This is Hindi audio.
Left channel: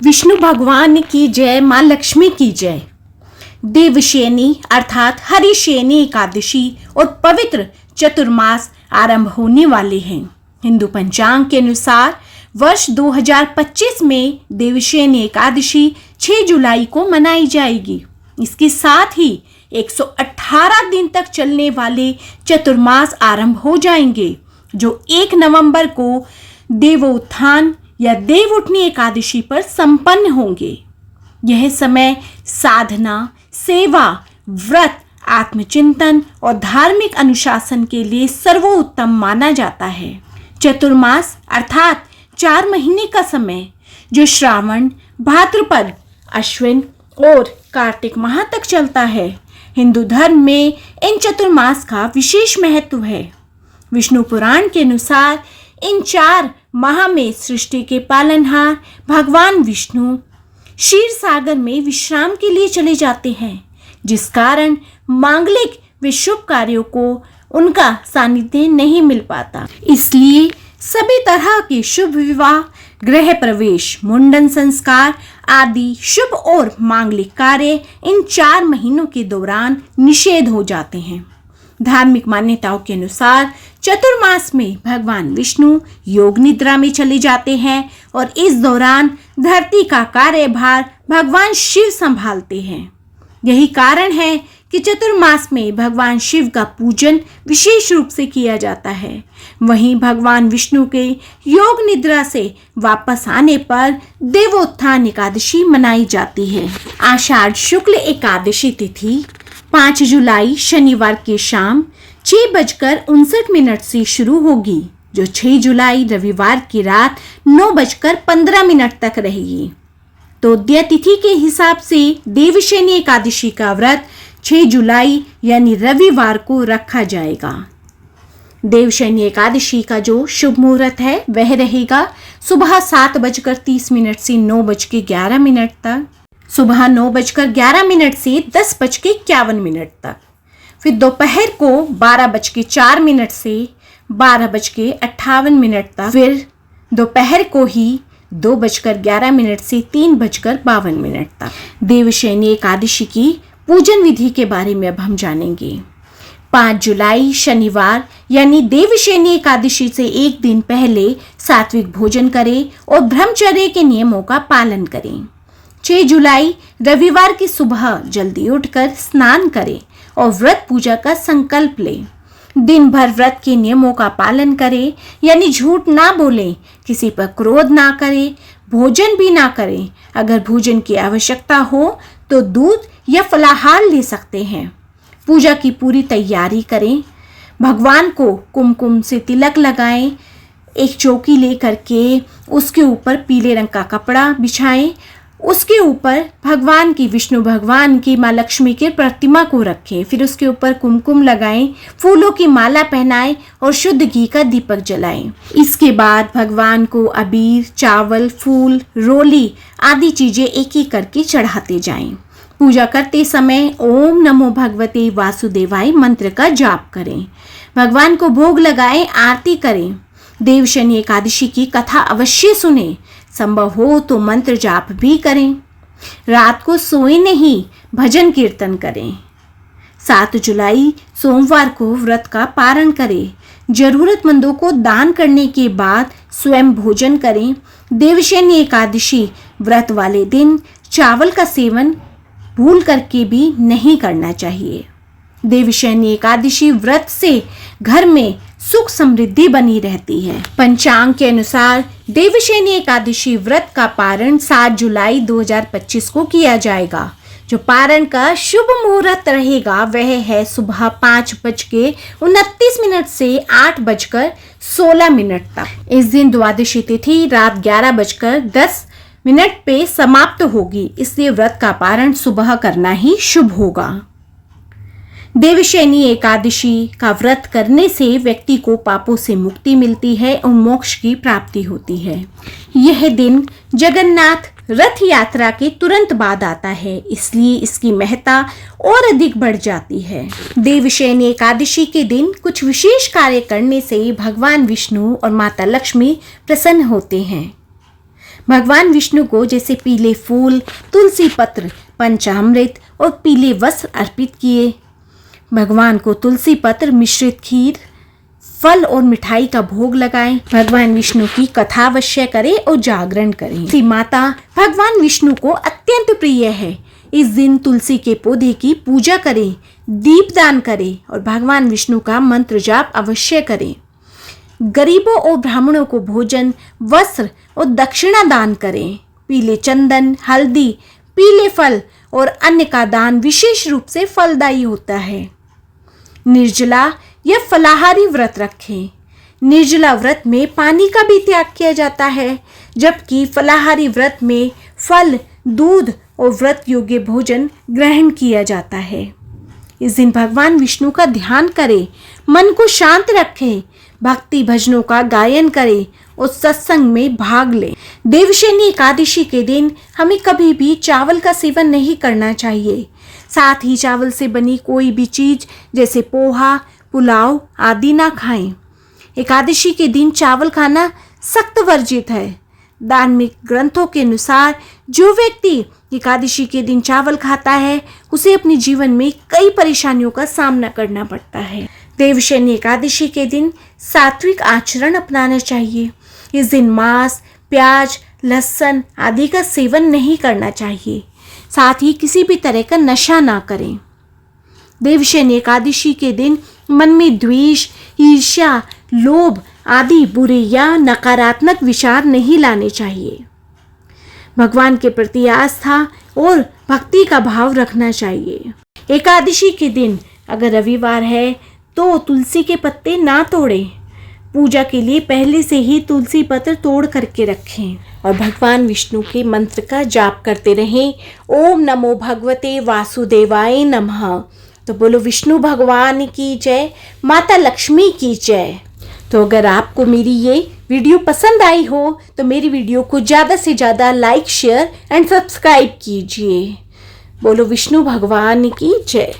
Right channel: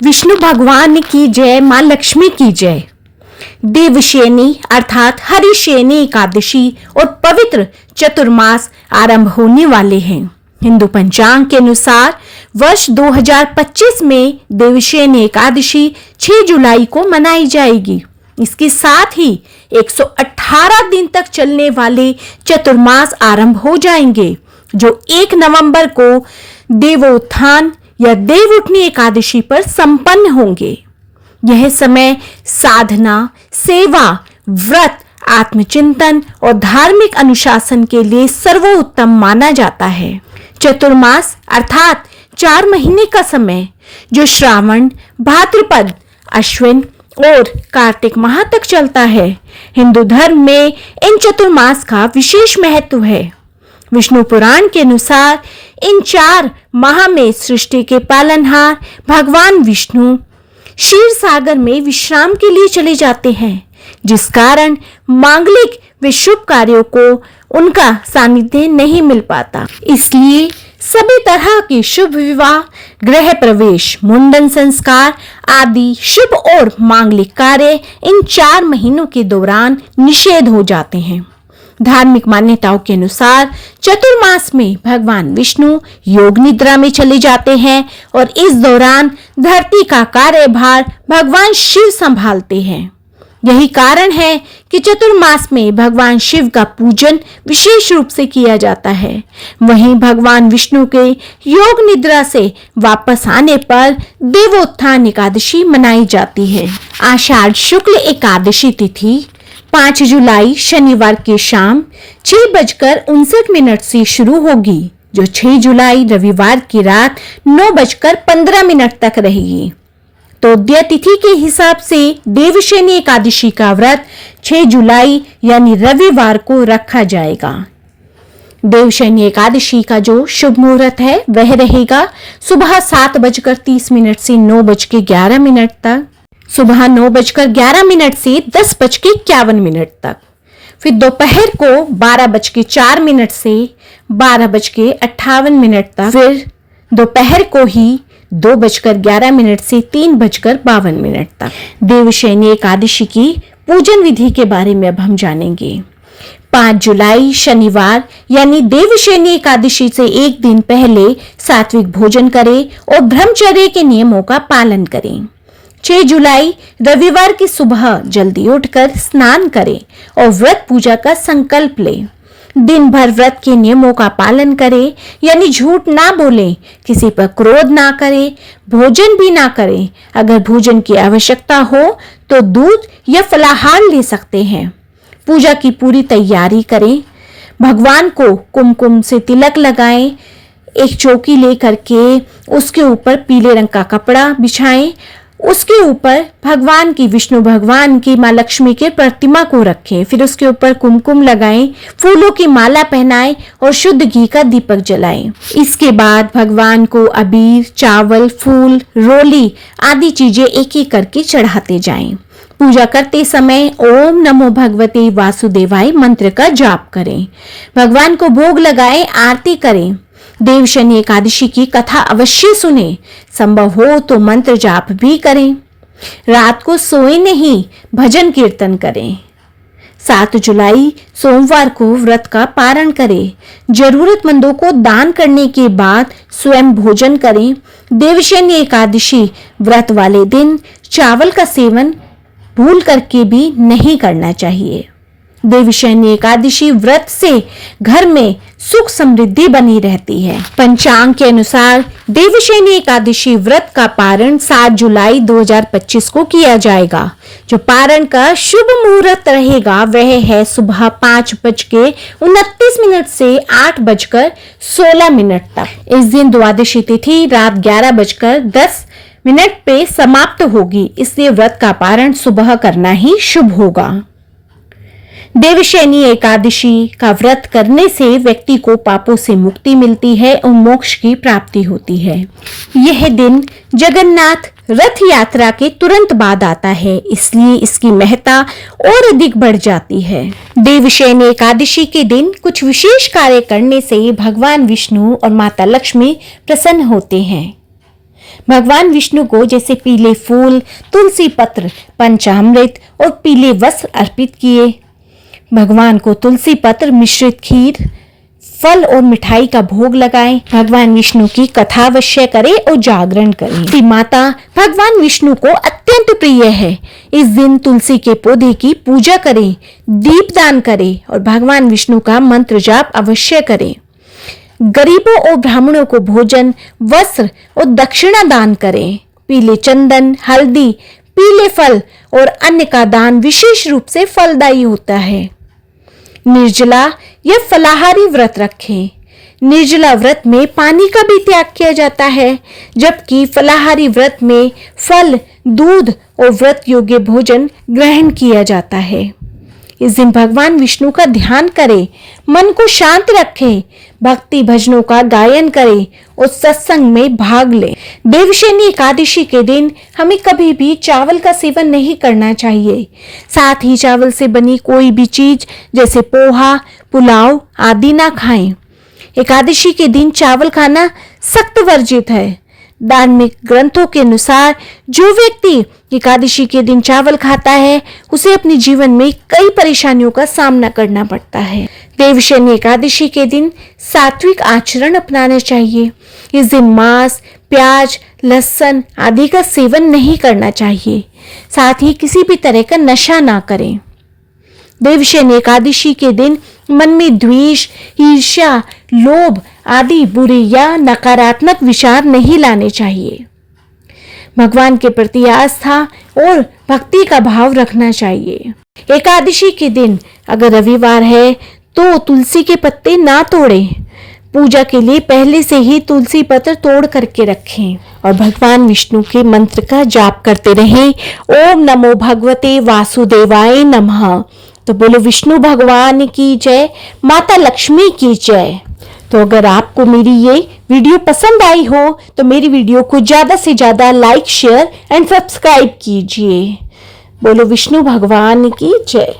विष्णु भगवान की जय, माँ लक्ष्मी की जय। देवशयनी अर्थात हरिशयनी एकादशी और पवित्र चतुर्मास आरंभ होने वाले हैं। हिंदू पंचांग के अनुसार वर्ष 2025 में देवशयनी एकादशी 6 जुलाई को मनाई जाएगी। इसके साथ ही 118 दिन तक चलने वाले चतुर्मास आरंभ हो जाएंगे, जो 1 नवंबर को देवोत्थान या देव उठनी एकादशी पर संपन्न होंगे। यह समय साधना, सेवा, व्रत, आत्मचिंतन और धार्मिक अनुशासन के लिए सर्वोत्तम माना जाता है। चतुर्मास अर्थात 4 महीने का समय, जो श्रावण, भाद्रपद, अश्विन और कार्तिक माह तक चलता है। हिंदू धर्म में इन चतुर्मास का विशेष महत्व है। विष्णु पुराण के अनुसार इन 4 माह में सृष्टि के पालनहार भगवान विष्णु क्षीर सागर में विश्राम के लिए चले जाते हैं, जिस कारण मांगलिक व शुभ कार्यों को उनका सानिध्य नहीं मिल पाता। इसलिए सभी तरह के शुभ विवाह, गृह प्रवेश, मुंडन संस्कार आदि शुभ और मांगलिक कार्य इन 4 महीनों के दौरान निषेध हो जाते हैं। धार्मिक मान्यताओं के अनुसार चतुर्मास में भगवान विष्णु योग निद्रा में चले जाते हैं और इस दौरान धरती का कार्यभार भगवान शिव संभालते हैं। यही कारण है कि चतुर्मास में भगवान शिव का पूजन विशेष रूप से किया जाता है। वहीं भगवान विष्णु के योग निद्रा से वापस आने पर देवोत्थान एकादशी मनाई जाती है। आषाढ़ शुक्ल एकादशी तिथि 5 जुलाई शनिवार के शाम 6:59 से शुरू होगी, जो 6 जुलाई रविवार की रात 9:15 तक रहेगी। तोद्या तिथि के हिसाब से देवशयनी एकादशी का व्रत 6 जुलाई यानी रविवार को रखा जाएगा। देवशयनी एकादशी का जो शुभ मुहूर्त है वह रहेगा सुबह 7:30 से 9:11 तक, सुबह 9:11 से 10:51 तक, फिर दोपहर को 12:04 से 12:58 तक, फिर दोपहर को ही 2:11 से 3:52 तक। देवशयनी एकादशी की पूजन विधि के बारे में अब हम जानेंगे। 5 जुलाई शनिवार यानी देवशयनी एकादशी से एक दिन पहले सात्विक भोजन करें और ब्रह्मचर्य के नियमों का पालन करें। 6 जुलाई रविवार की सुबह जल्दी उठकर स्नान करें और व्रत पूजा का संकल्प लें। दिन भर व्रत के नियमों का पालन करें, यानी झूठ ना बोलें, किसी पर क्रोध ना करें, भोजन भी ना करें। अगर भोजन की आवश्यकता हो तो दूध या फलाहार ले सकते हैं। पूजा की पूरी तैयारी करें। भगवान को कुमकुम से तिलक लगाएं। एक चौकी लेकर के उसके ऊपर पीले रंग का कपड़ा बिछाएं। उसके ऊपर भगवान की, विष्णु भगवान की, माँ लक्ष्मी के प्रतिमा को रखें। फिर उसके ऊपर कुमकुम लगाएं, फूलों की माला पहनाएं और शुद्ध घी का दीपक जलाएं। इसके बाद भगवान को अबीर, चावल, फूल, रोली आदि चीजें एक एक करके चढ़ाते जाएं। पूजा करते समय ओम नमो भगवते वासुदेवाय मंत्र का जाप करें। भगवान को भोग लगाएं, आरती करें। देवशयनी एकादशी की कथा अवश्य सुने। संभव हो तो मंत्र जाप भी करें। रात को सोए नहीं, भजन कीर्तन करें। 7 जुलाई सोमवार को व्रत का पारण करें। जरूरतमंदों को दान करने के बाद स्वयं भोजन करें। देवशयनी एकादशी व्रत वाले दिन चावल का सेवन भूल करके भी नहीं करना चाहिए। देवशयनी एकादशी व्रत से घर में सुख समृद्धि बनी रहती है। पंचांग के अनुसार देवशयनी एकादशी व्रत का पारण 7 जुलाई 2025 को किया जाएगा। जो पारण का शुभ मुहूर्त रहेगा वह है सुबह 5:29 से 8:16 तक। इस दिन द्वादशी तिथि रात 11:10 पे समाप्त होगी, इसलिए व्रत का पारण सुबह करना ही शुभ होगा। देवशयनी एकादशी का व्रत करने से व्यक्ति को पापों से मुक्ति मिलती है और मोक्ष की प्राप्ति होती है। यह दिन जगन्नाथ रथ यात्रा के तुरंत बाद आता है, इसलिए इसकी महत्ता और अधिक बढ़ जाती है। देवशयनी एकादशी के दिन कुछ विशेष कार्य करने से भगवान विष्णु और माता लक्ष्मी प्रसन्न होते हैं। भगवान विष्णु को जैसे पीले फूल, तुलसी पत्र, पंचामृत और पीले वस्त्र अर्पित किए। भगवान को तुलसी पत्र मिश्रित खीर, फल और मिठाई का भोग लगाएं। भगवान विष्णु की कथा अवश्य करें और जागरण करें। तुलसी माता भगवान विष्णु को अत्यंत प्रिय है। इस दिन तुलसी के पौधे की पूजा करें, दीपदान करें और भगवान विष्णु का मंत्र जाप अवश्य करें। गरीबों और ब्राह्मणों को भोजन, वस्त्र और दक्षिणा दान करें। पीले चंदन, हल्दी, पीले फल और अन्न का दान विशेष रूप से फलदायी होता है। निर्जला या फलाहारी व्रत रखें। निर्जला व्रत में पानी का भी त्याग किया जाता है, जबकि फलाहारी व्रत में फल, दूध और व्रत योग्य भोजन ग्रहण किया जाता है। इस दिन भगवान विष्णु का ध्यान करें, मन को शांत रखें, भक्ति भजनों का गायन करें और सत्संग में भाग लें। देवशयनी एकादशी के दिन हमें कभी भी चावल का सेवन नहीं करना चाहिए। साथ ही चावल से बनी कोई भी चीज जैसे पोहा, पुलाव आदि ना खाएं। एकादशी के दिन चावल खाना सख्त वर्जित है। धार्मिक ग्रंथों के अनुसार जो व्यक्ति एकादशी के दिन चावल खाता है उसे अपने जीवन में कई परेशानियों का सामना करना पड़ता है। देवशयनी एकादशी के दिन सात्विक आचरण अपनाना चाहिए। इस दिन मांस, प्याज, लहसुन आदि का सेवन नहीं करना चाहिए। साथ ही किसी भी तरह का नशा ना करें। देवशयनी एकादशी के दिन मन में द्वेष, ईर्ष्या, लोभ आदि बुरे या नकारात्मक विचार नहीं लाने चाहिए। भगवान के प्रति आस्था और भक्ति का भाव रखना चाहिए। एकादशी के दिन अगर रविवार है तो तुलसी के पत्ते ना तोड़ें। पूजा के लिए पहले से ही तुलसी पत्र तोड़ करके रखें और भगवान विष्णु के मंत्र का जाप करते रहें। ओम नमो भगवते वासुदेवाय नमः। तो बोलो विष्णु भगवान की जय, माता लक्ष्मी की जय। तो अगर आपको मेरी ये वीडियो पसंद आई हो तो मेरी वीडियो को ज़्यादा से ज़्यादा लाइक, शेयर एंड सब्सक्राइब कीजिए। बोलो विष्णु भगवान की जय।